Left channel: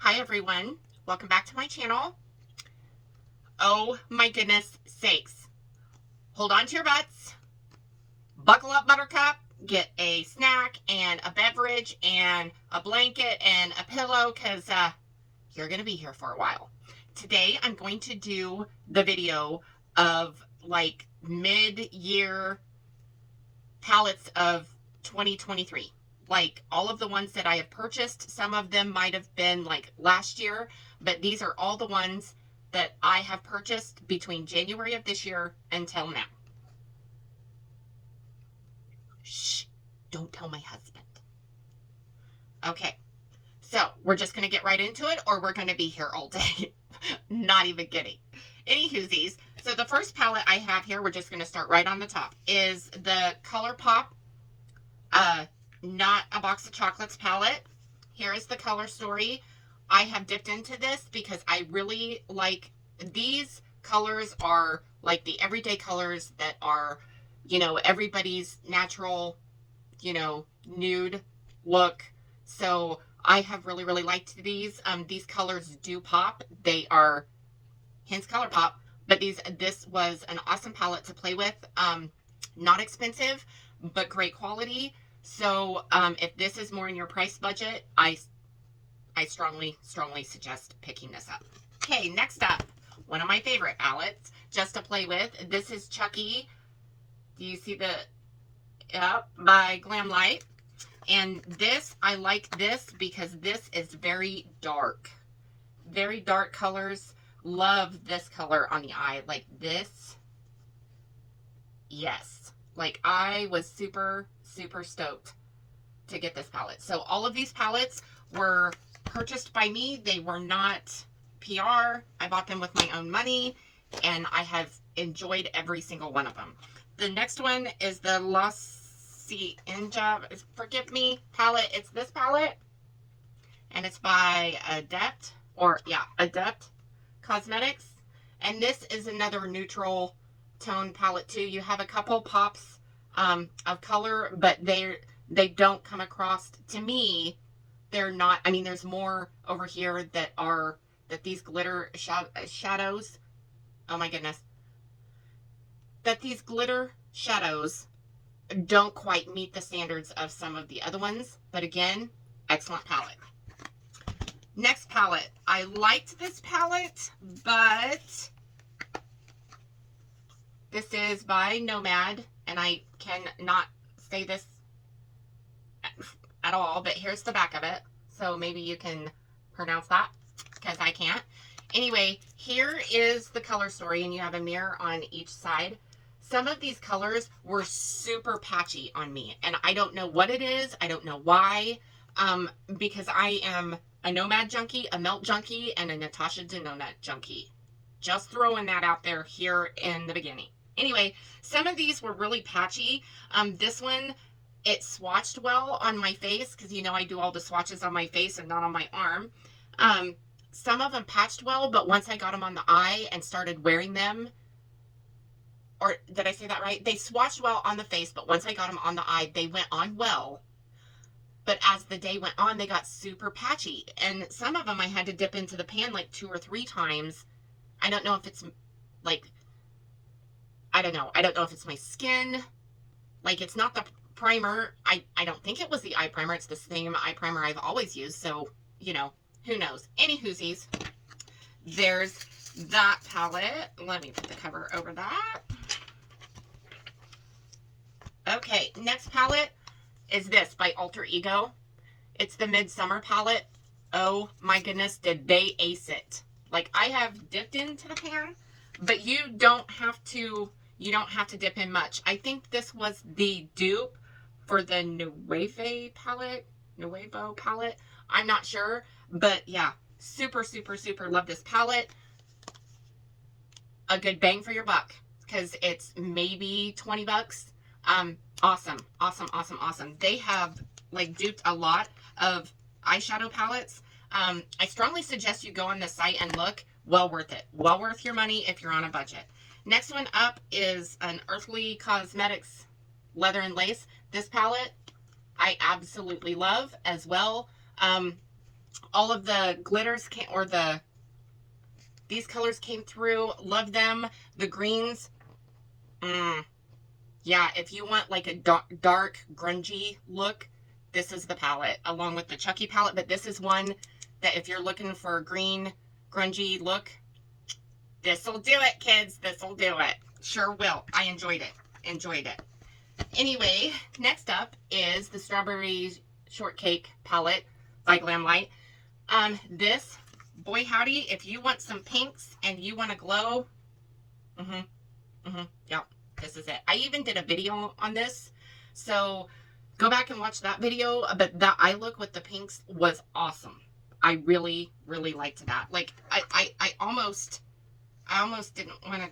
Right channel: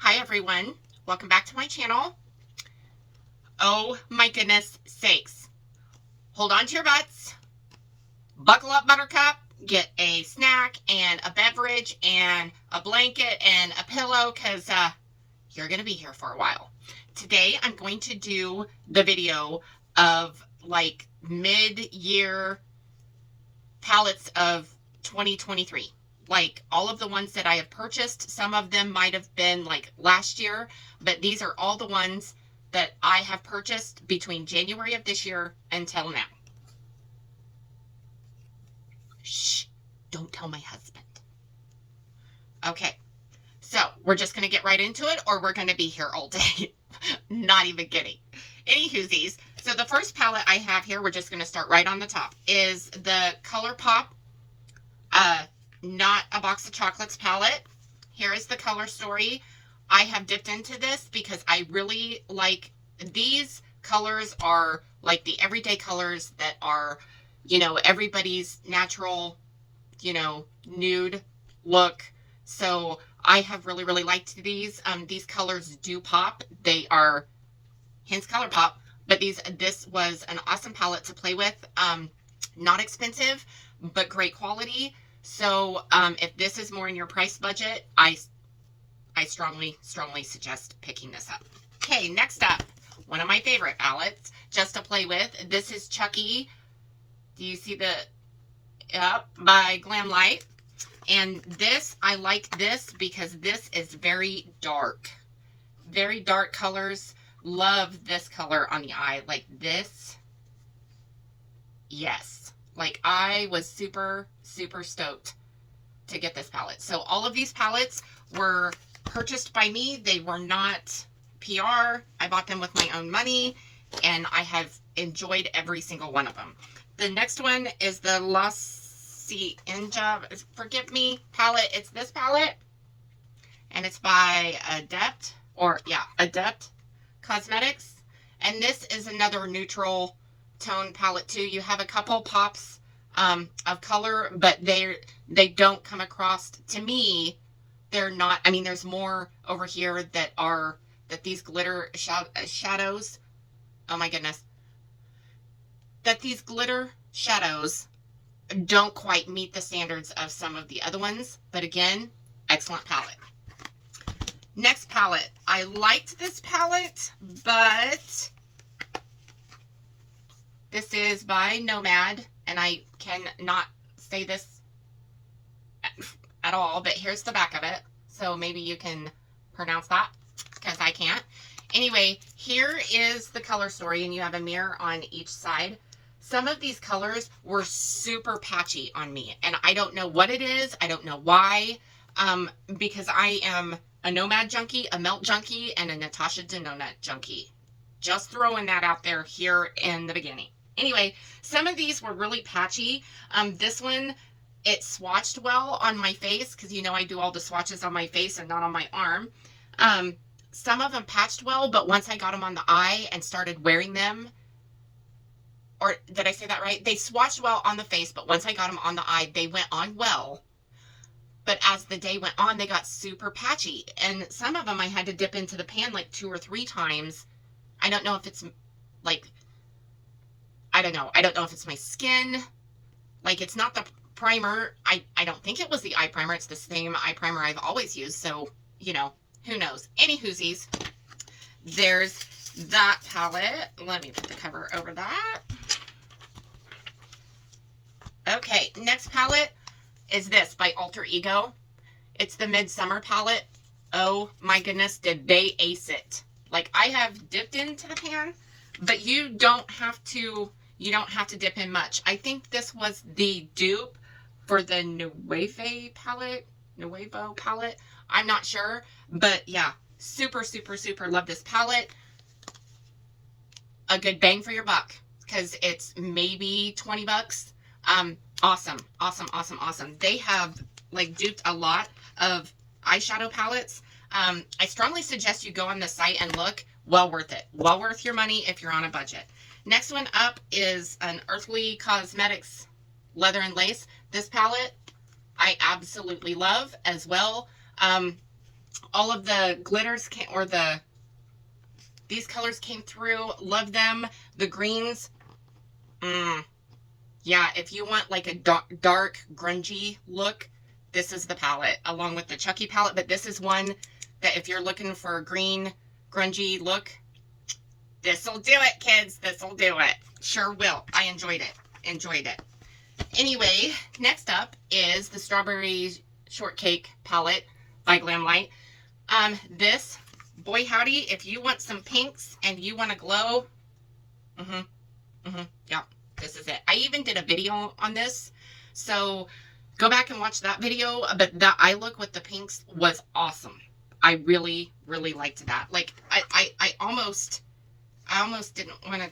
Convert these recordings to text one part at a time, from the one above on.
Hi everyone, welcome back to my channel. Oh my goodness sakes. Hold on to your butts, buckle up buttercup, get a snack and a beverage and a blanket and a pillow because you're going to be here for a while. Today I'm going to do the video of like mid-year palettes of 2023. Like all of the ones that I have purchased, some of them might have been like last year, but these are all the ones that I have purchased between January of this year until now. Shh, don't tell my husband. Okay, so we're just going to get right into it, or we're going to be here all day. Not even kidding. Anywhoosies, so the first palette I have here, we're just going to start right on the top, is the Colourpop Not a Box of Chocolates palette. Here is the color story. I have dipped into this because I really like these colors. Are like the everyday colors that are, you know, everybody's natural, you know, nude look. So I have really liked these. These colors do pop. They are, hence Colourpop, but this was an awesome palette to play with. Not expensive, but great quality. So if this is more in your price budget, I strongly suggest picking this up. Okay, next up, one of my favorite palettes just to play with. This is Chucky. Do you see the, by Glamlite. And this, I like this because this is very dark colors. Love this color on the eye, like this. Yes, like I was super stoked to get this palette. So all of these palettes were purchased by me. They were not PR. I bought them with my own money, and I have enjoyed every single one of them. The next one is the La Cienega, forgive me, palette. It's this palette, and it's by Adept Cosmetics. And this is another neutral tone palette too. You have a couple pops of color, but they don't come across, to me, they're not, I mean, there's more over here that these glitter shadows, oh my goodness, that these glitter shadows don't quite meet the standards of some of the other ones. But again, excellent palette. Next palette. I liked this palette, but this is by Nomad, and I cannot say this at all, but here's the back of it. So maybe you can pronounce that, because I can't. Anyway, here is the color story, and you have a mirror on each side. Some of these colors were super patchy on me, and I don't know what it is. I don't know why, because I am a Nomad junkie, a Melt junkie, and a Natasha Denona junkie. Just throwing that out there here in the beginning. Anyway, some of these were really patchy. This one, it swatched well on my face, because you know I do all the swatches on my face and not on my arm. Some of them patched well, but once I got them on the eye and started wearing them, or did I say that right? They swatched well on the face, but once I got them on the eye, they went on well. But as the day went on, they got super patchy. And some of them I had to dip into the pan like 2 or 3 times. I don't know if it's like, I don't know if it's my skin. Like, it's not the primer. I don't think it was the eye primer. It's the same eye primer I've always used. So, you know, who knows? Anywhoosies, there's that palette. Let me put the cover over that. Okay, next palette is this by Alter Ego. It's the Midsummer palette. Oh my goodness, did they ace it. Like, I have dipped into the pan, but you don't have to dip in much. I think this was the dupe for the Nuevo palette. I'm not sure, but yeah, super love this palette. A good bang for your buck, because it's maybe 20 bucks. Awesome. They have like duped a lot of eyeshadow palettes. I strongly suggest you go on the site and look. Well worth it. Well worth your money if you're on a budget. Next one up is an Unearthly Cosmetics Leather and Lace. This palette I absolutely love as well. All of the glitters came, or these colors came through. Love them. The greens. Yeah, if you want like a dark, grungy look, this is the palette, along with the Chucky palette. But this is one that if you're looking for a green, grungy look, this'll do it, kids. This'll do it. Sure will. I enjoyed it. Enjoyed it. Anyway, next up is the Strawberry Shortcake palette by Glamlite. This, boy howdy, if you want some pinks and you want to glow, yeah, this is it. I even did a video on this, so go back and watch that video. But that eye look with the pinks was awesome. I really, really liked that. Like, I almost didn't want to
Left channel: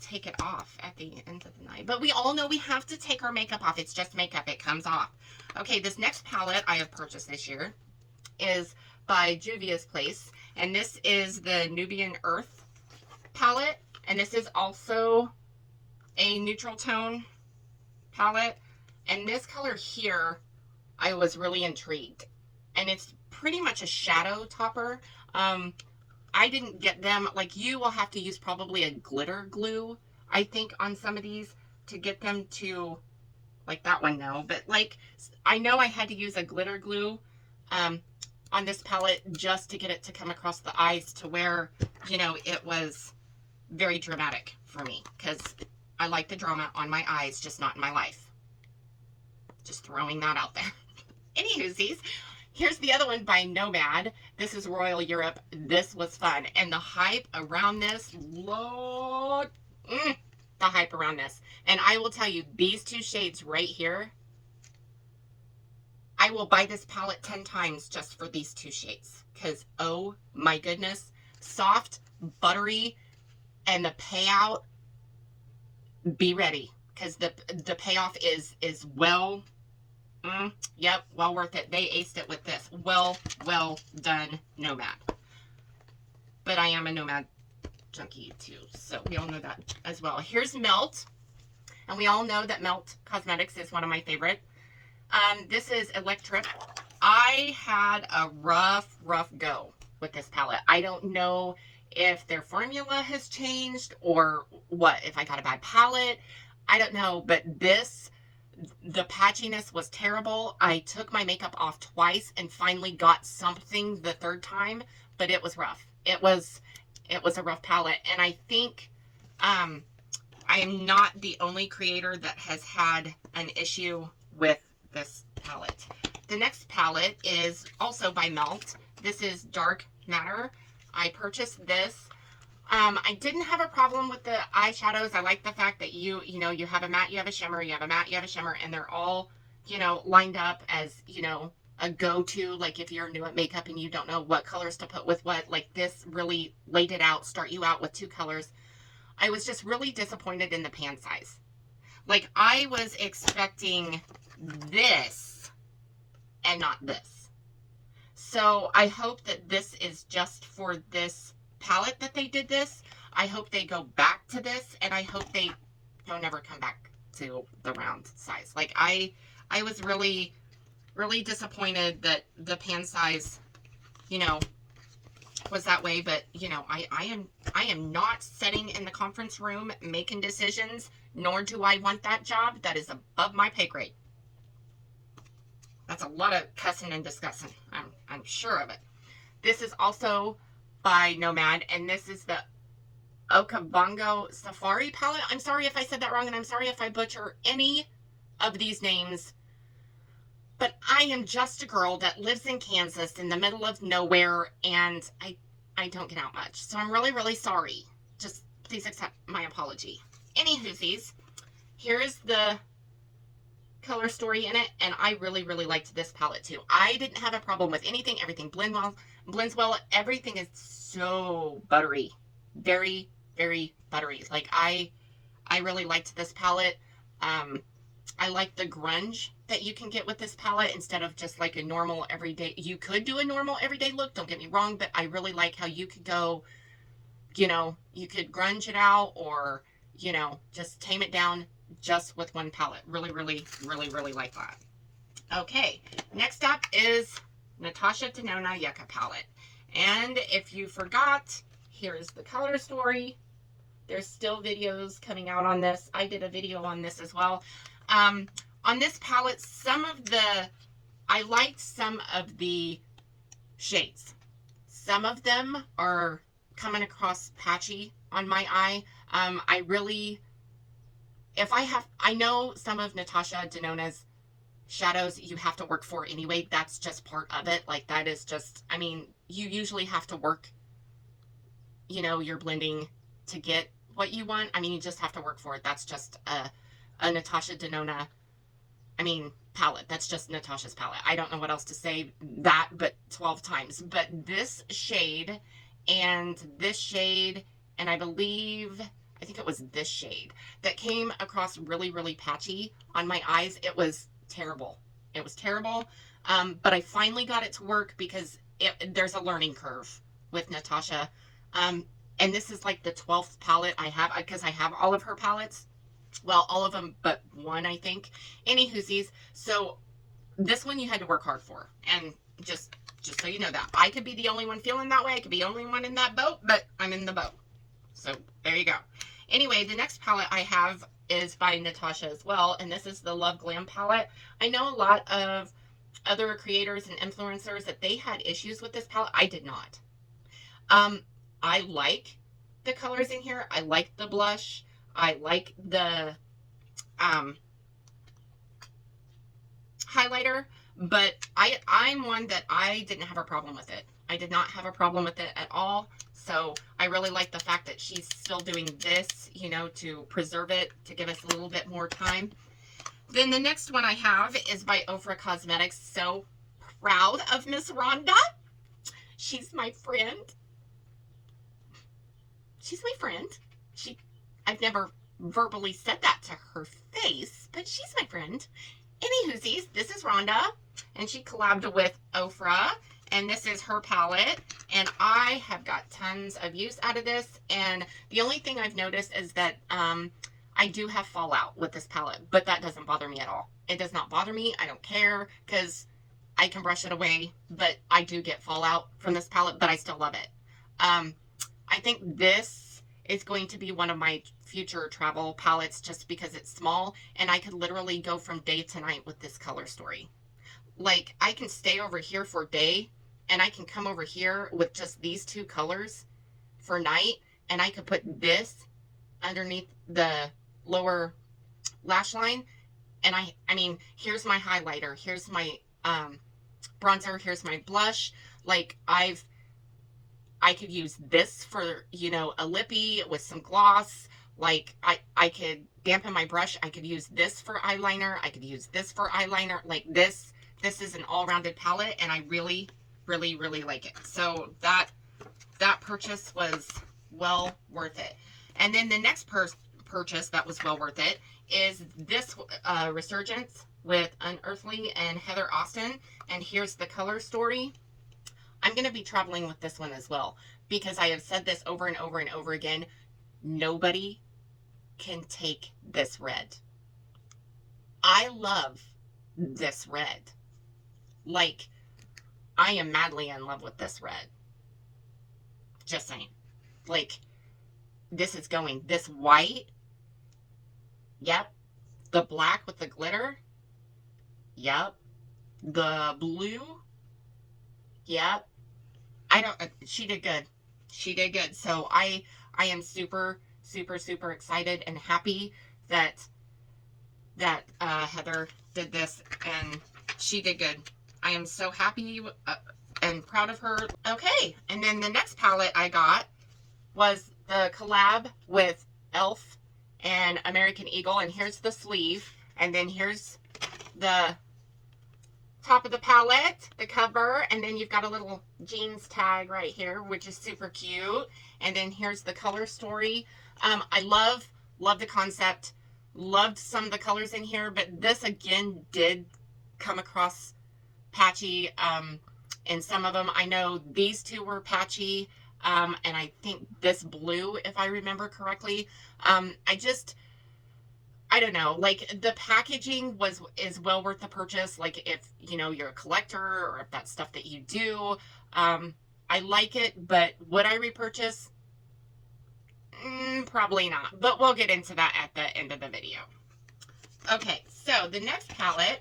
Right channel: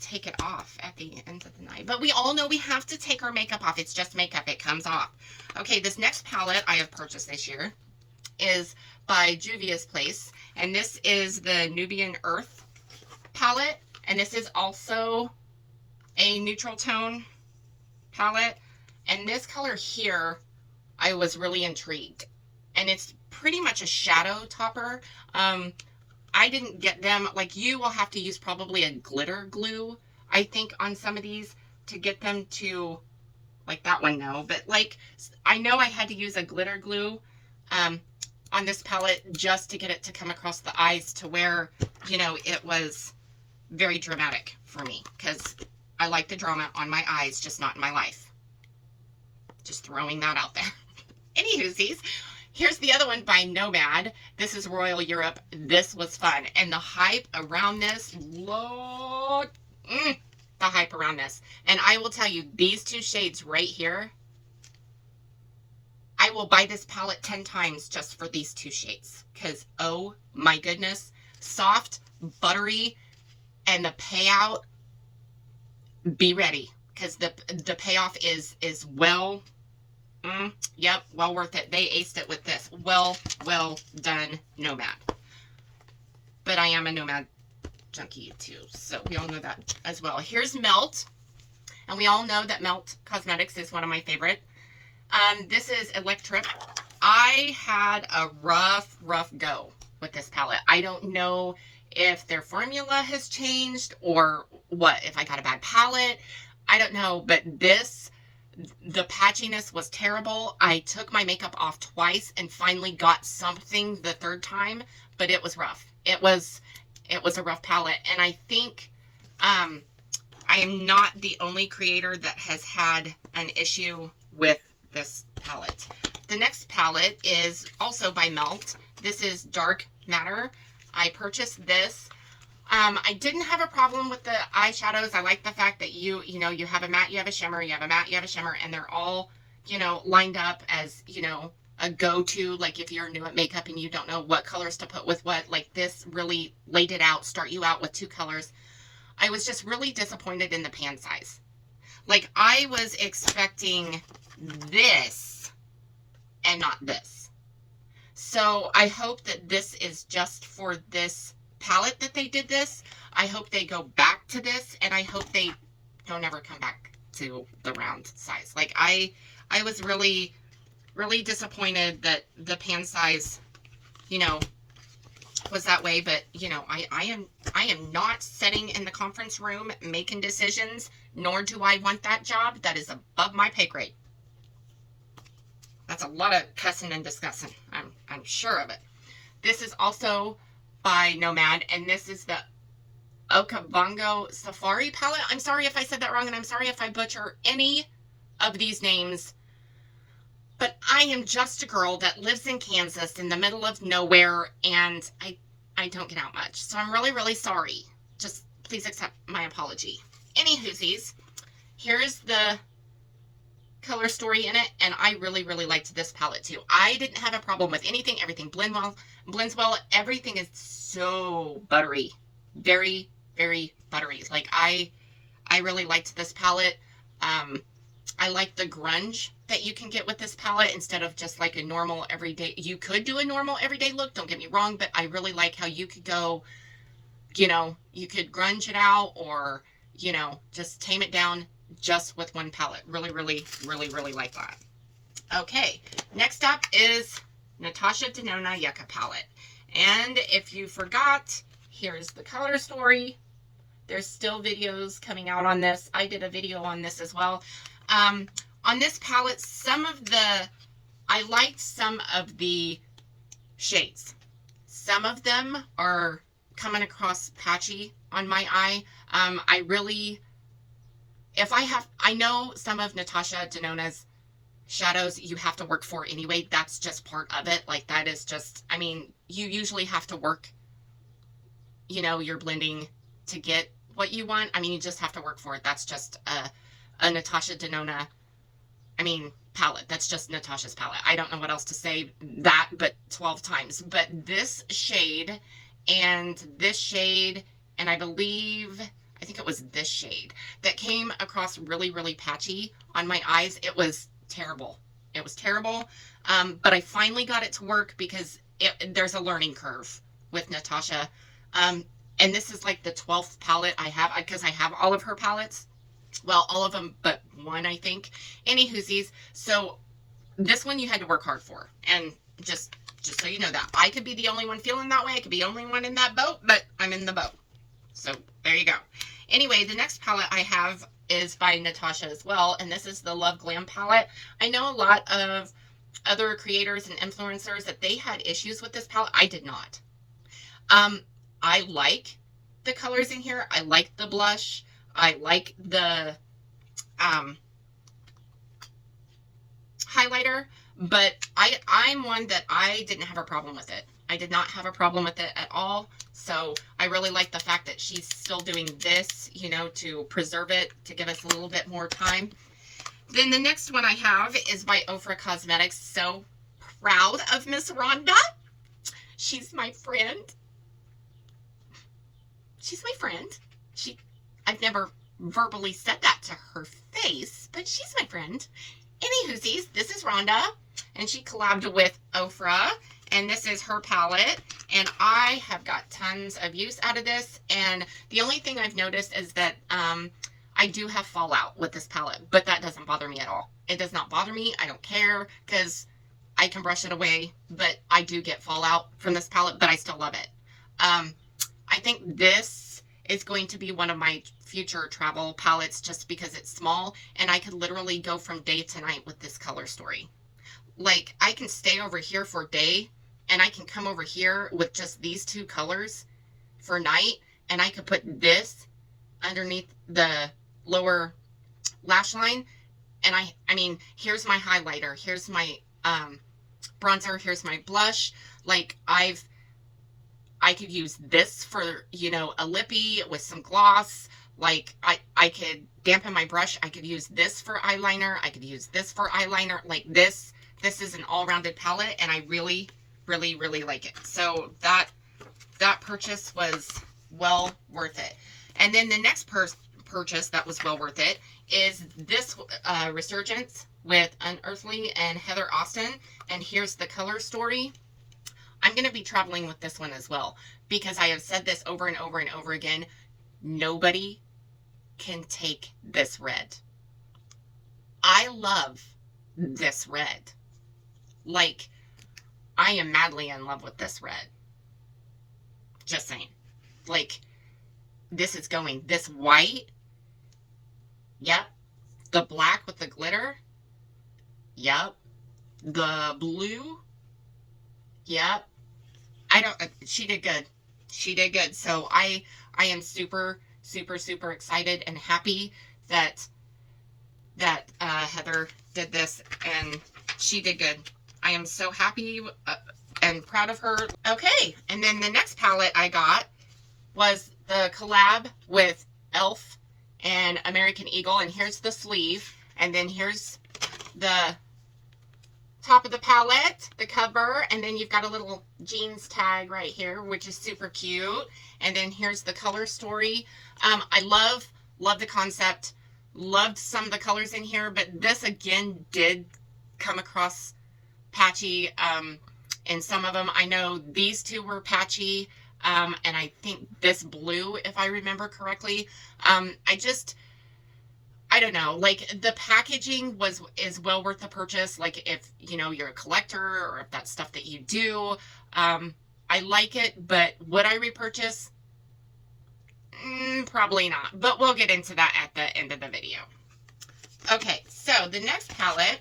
take it off at the end of the night. But we all know we have to take our makeup off. It's just makeup. It comes off. Okay, this next palette I have purchased this year is by Juvia's Place. And this is the Nubian Earth palette. And this is also a neutral tone palette. And this color here, I was really intrigued. And it's pretty much a shadow topper. I didn't get them, like you will have to use probably a glitter glue, I think, on some of these to get them to, like that one, no. But like, I know I had to use a glitter glue on this palette just to get it to come across the eyes to where, you know, it was very dramatic for me. Because I like the drama on my eyes, just not in my life. Just throwing that out there. Anywhoosies. Here's the other one by Nomad. This is Royal Europe. This was fun. And the hype around this, Lord, the hype around this. And I will tell you, these two shades right here, I will buy this palette 10 times just for these two shades. Because, oh my goodness, soft, buttery, and the payout, be ready. Because the payoff is well... yep, well worth it. They aced it with this. Well done, Nomad. But I am a Nomad junkie too, so we all know that as well. Here's Melt, and we all know that Melt Cosmetics is one of my favorite. This is Electrip. I had a rough go with this palette. I don't know if their formula has changed or what, if I got a bad palette. I don't know, but this... the patchiness was terrible. I took my makeup off twice and finally got something the third time, but it was rough. It was a rough palette. And I think I am not the only creator that has had an issue with this palette. The next palette is also by Melt. This is Dark Matter. I purchased this. I didn't have a problem with the eyeshadows. I like the fact that you know, you have a matte, you have a shimmer, you have a matte, you have a shimmer, and they're all, you know, lined up as, you know, a go-to, like if you're new at makeup and you don't know what colors to put with what, like this really laid it out, start you out with two colors. I was just really disappointed in the pan size. Like, I was expecting this and not this. So I hope that this is just for this palette that they did this. I hope they go back to this, and I hope they don't ever come back to the round size. Like, I was really disappointed that the pan size, you know, was that way. But, you know, I am not sitting in the conference room making decisions, nor do I want that job. That is above my pay grade. That's a lot of cussing and discussing. I'm sure of it. This is also by Nomad, and this is the Okavango Safari palette. I'm sorry if I said that wrong, and I'm sorry if I butcher any of these names, but I am just a girl that lives in Kansas in the middle of nowhere, and I don't get out much, so I'm really sorry. Just please accept my apology. Anywhoosies, here's the color story in it, and I really liked this palette too. I didn't have a problem with anything. Everything blends well. Everything is so buttery, very buttery. Like, I really liked this palette. I like the grunge that you can get with this palette instead of just like a normal everyday. You could do a normal everyday look, don't get me wrong, but I really like how you could go, you know, you could grunge it out, or, you know, just tame it down just with one palette. Really like that. Okay, next up is Natasha Denona Yucca Palette. And if you forgot, here's the color story. There's still videos coming out on this. I did a video on this as well. On this palette, I liked some of the shades. Some of them are coming across patchy on my eye. I know some of Natasha Denona's shadows you have to work for anyway. That's just part of it. Like, that is just, I mean, you usually have to work, you know, your blending to get what you want. I mean, you just have to work for it. That's just a Natasha Denona, I mean, palette. That's just Natasha's palette. I don't know what else to say that but 12 times. But this shade and this shade, and I think it was this shade that came across really, really patchy on my eyes. It was terrible. It was terrible. But I finally got it to work because there's a learning curve with Natasha. And this is like the 12th palette I have, because I have all of her palettes. Well, all of them but one, I think. Anywhoosies, so this one you had to work hard for. And just so you know that. I could be the only one feeling that way. I could be the only one in that boat, but I'm in the boat. So there you go. Anyway, the next palette I have is by Natasha as well, and this is the Love Glam palette. I know a lot of other creators and influencers that they had issues with this palette. I did not. I like the colors in here. I like the blush. I like the highlighter, but I'm one that I didn't have a problem with it. I did not have a problem with it at all. So I really like the fact that she's still doing this, you know, to preserve it, to give us a little bit more time. Then the next one I have is by Ofra Cosmetics. So proud of Miss Rhonda. She's my friend. She's my friend. I've never verbally said that to her face, but she's my friend. Anywhoosies, this is Rhonda, and she collabed with Ofra, and this is her palette, and I have got tons of use out of this, and the only thing I've noticed is that I do have fallout with this palette, but that doesn't bother me at all. It does not bother me. I don't care, because I can brush it away, but I do get fallout from this palette, but I still love it. I think this is going to be one of my future travel palettes just because it's small, and I could literally go from day to night with this color story. Like, I can stay over here for day, and I can come over here with just these two colors for night, and I could put this underneath the lower lash line, and I mean, here's my highlighter, here's my bronzer, here's my blush. Like, I could use this for, you know, a lippy with some gloss. Like, I could dampen my brush. I could use this for eyeliner. I could use this for eyeliner. Like, this is an all-rounded palette, and I really, really, really like it. So that purchase was well worth it. And then the next purchase that was well worth it is this Resurgence with Unearthly and Heather Austin. And here's the color story. I'm going to be traveling with this one as well, because I have said this over and over and over again. Nobody can take this red. I love this red. Like, I am madly in love with this red. Just saying. Like, this is going, this white. Yep. The black with the glitter. Yep. The blue. Yep. She did good. She did good. So I am super, super, super excited and happy that Heather did this, and she did good. I am so happy and proud of her. Okay, and then the next palette I got was the collab with e.l.f. and American Eagle, and here's the sleeve, and then here's the top of the palette, the cover, and then you've got a little jeans tag right here, which is super cute. And then here's the color story. I love the concept. Loved some of the colors in here, but this again did come across patchy in some of them. I know these two were patchy, and I think this blue, if I remember correctly. I I don't know, like the packaging is well worth the purchase. Like if, you know, you're a collector or if that's stuff that you do, I like it, but would I repurchase? Probably not, but we'll get into that at the end of the video. Okay, so the next palette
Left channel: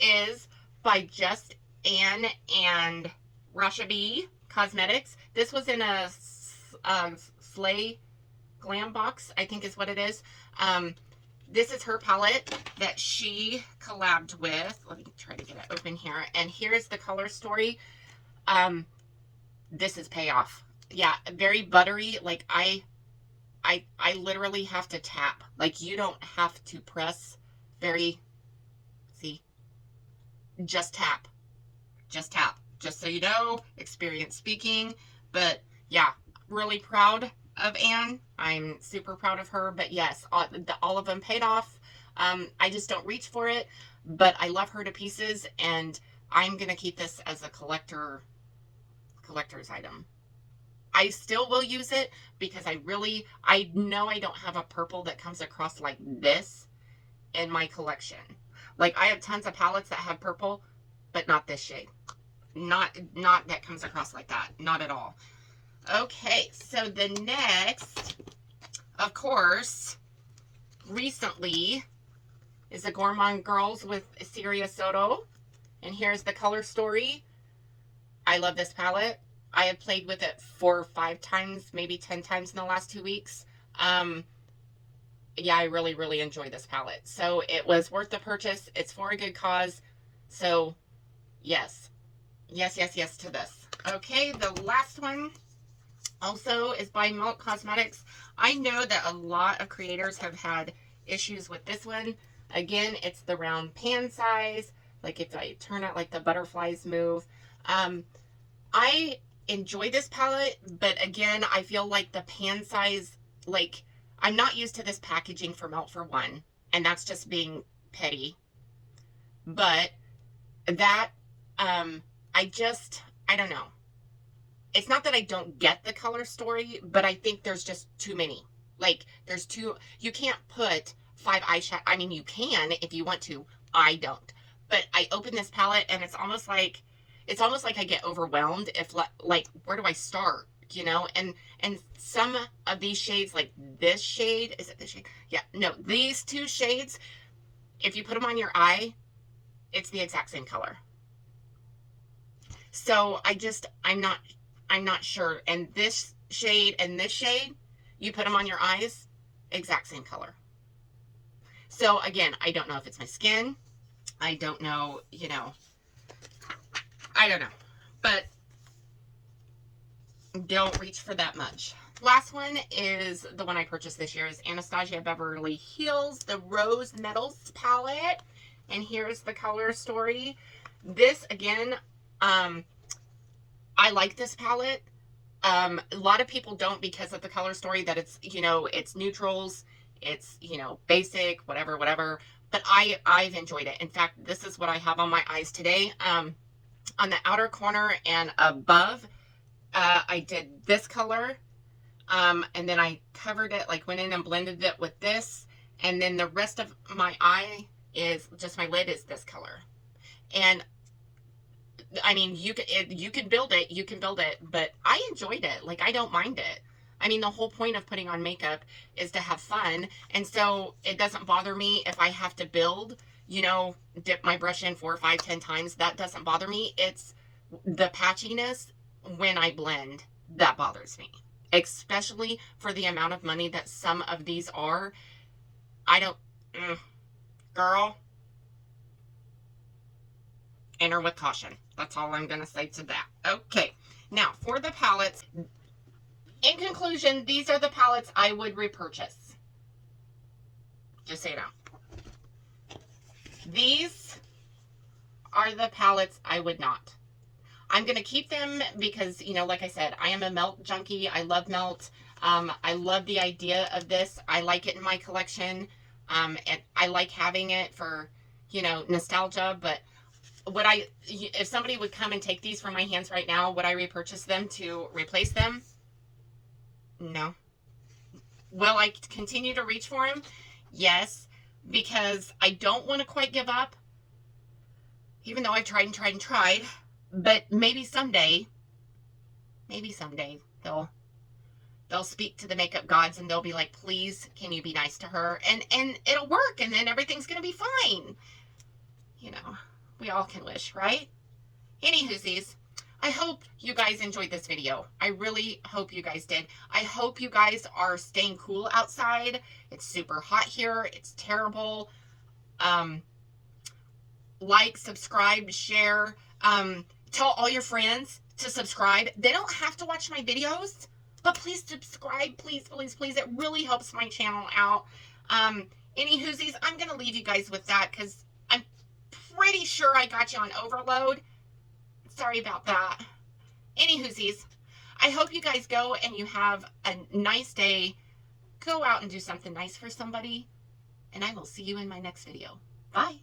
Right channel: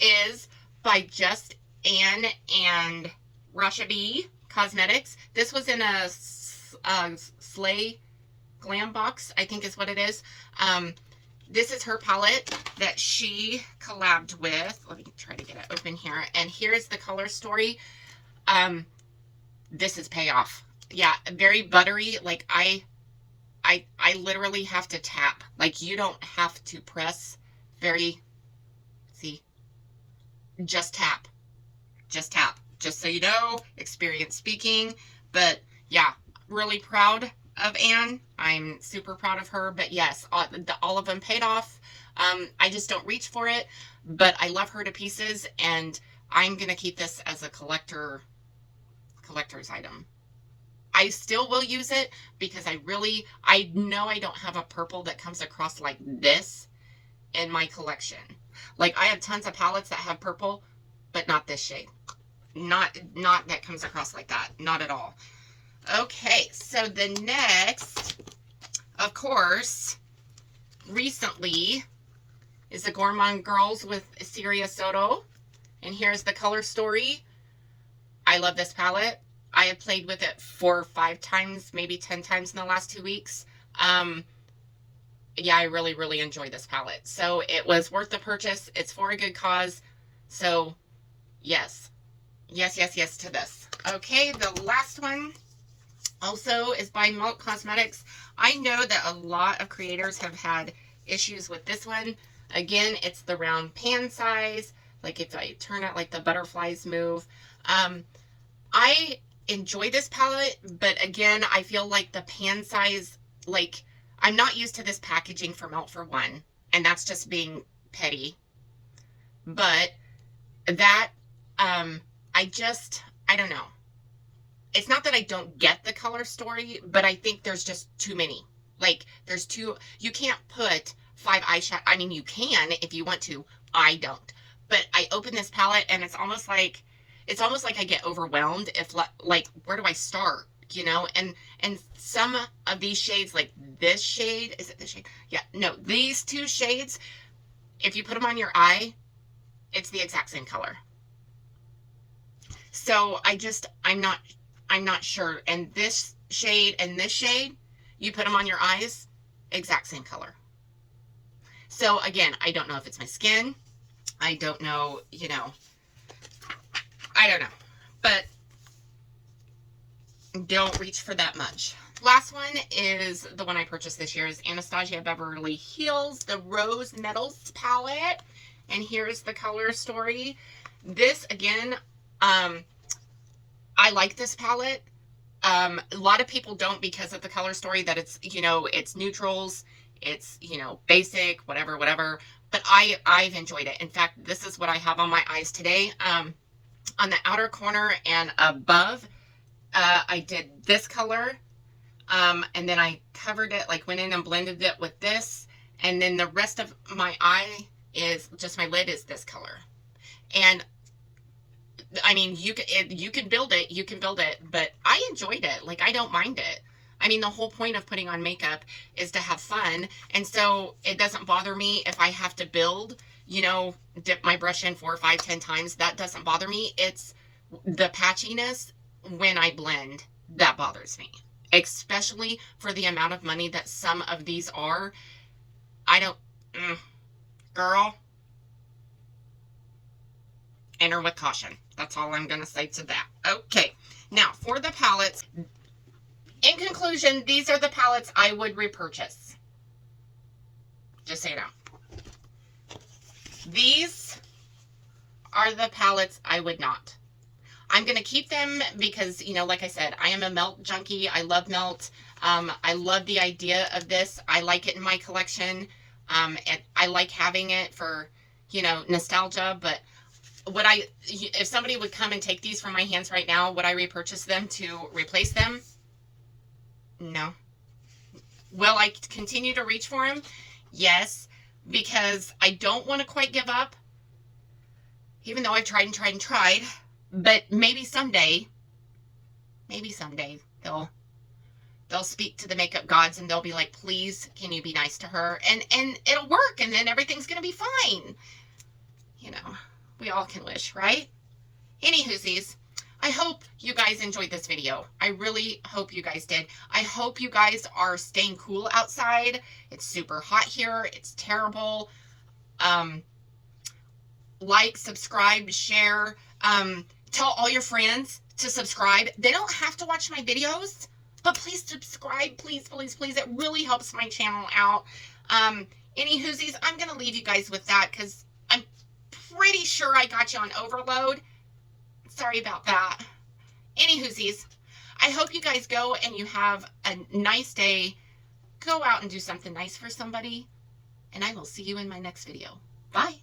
is by Just Anne and Rasha B Cosmetics. This was in a Slay Glam box, I think is what it is. This is her palette that she collabed with. Let me try to get it open here. And here's the color story. This is payoff. Yeah, very buttery. Like I literally have to tap. Like you don't have to press. Very, see, just tap. Just tap. Just so you know, experience speaking. But yeah, really proud of Anne. I'm super proud of her, but yes, all of them paid off. I just don't reach for it, but I love her to pieces, and I'm gonna keep this as a collector's item. I still will use it because I know I don't have a purple that comes across like this in my collection. Like I have tons of palettes that have purple, but not this shade. Not that comes across like that. Not at all. Okay, so the next, of course, recently is the Gourmande Girls with Siria Soto. And here's the color story. I love this palette. I have played with it 4 or 5 times, maybe 10 times in the last 2 weeks. Yeah, I really, really enjoy this palette. So it was worth the purchase. It's for a good cause. So yes. Yes, yes, yes to this. Okay, the last one also is by Nomad Cosmetics. I know that a lot of creators have had issues with this one. Again, it's the round pan size. Like if I turn it like the butterflies move. I enjoy this palette, but again, I feel like the pan size, like I'm not used to this packaging for Melt for one, and that's just being petty. But that, I don't know. It's not that I don't get the color story, but I think there's just too many. Like you can't put 5 eyeshadow. I mean, you can if you want to. I don't. But I open this palette and it's almost like I get overwhelmed if like, where do I start? You know, and some of these shades, like this shade, is it this shade? Yeah, no, these 2 shades, if you put them on your eye, it's the exact same color. So I'm not sure. And this shade and this shade, you put them on your eyes, exact same color. So again, I don't know if it's my skin. I don't know, you know, I don't know, but don't reach for that much. Last one is the one I purchased this year is Anastasia Beverly Hills, the Rose Metals palette. And here's the color story. This again, I like this palette. A lot of people don't because of the color story that it's, you know, it's neutrals, it's, you know, basic, whatever. But I've enjoyed it. In fact, this is what I have on my eyes today. On the outer corner and above, I did this color. And then I covered it, like went in and blended it with this. And then the rest of my eye is just, my lid is this color. And I mean, you can build it, but I enjoyed it. Like, I don't mind it. I mean, the whole point of putting on makeup is to have fun. And so it doesn't bother me if I have to build, you know, dip my brush in 4, 5, 10 times. That doesn't bother me. It's the patchiness when I blend that bothers me, especially for the amount of money that some of these are. I don't, girl, enter with caution. That's all I'm going to say to that. Okay, now for the palettes. In conclusion, these are the palettes I would repurchase. Just so you know. These are the palettes I would not. I'm going to keep them because, you know, like I said, I am a Melt junkie. I love Melt. I love the idea of this. I like it in my collection. And I like having it for, you know, nostalgia. But if somebody would come and take these from my hands right now, would I repurchase them to replace them? No. Will I continue to reach for them? Yes, because I don't want to quite give up, even though I've tried and tried and tried. But maybe someday they'll speak to the makeup gods and they'll be like, please, can you be nice to her? And it'll work, and then everything's gonna be fine. You know, we all can wish, right? Anywhoosies, I hope you guys enjoyed this video. I really hope you guys did. I hope you guys are staying cool outside. It's super hot here. It's terrible. Like, subscribe, share. Tell all your friends to subscribe. They don't have to watch my videos, but please subscribe. Please, please, please. It really helps my channel out. Anywhoosies, I'm going to leave you guys with that because I'm pretty sure I got you on overload. Sorry about that. Anywhoosies, I hope you guys go and you have a nice day. Go out and do something nice for somebody. And I will see you in my next video. Bye.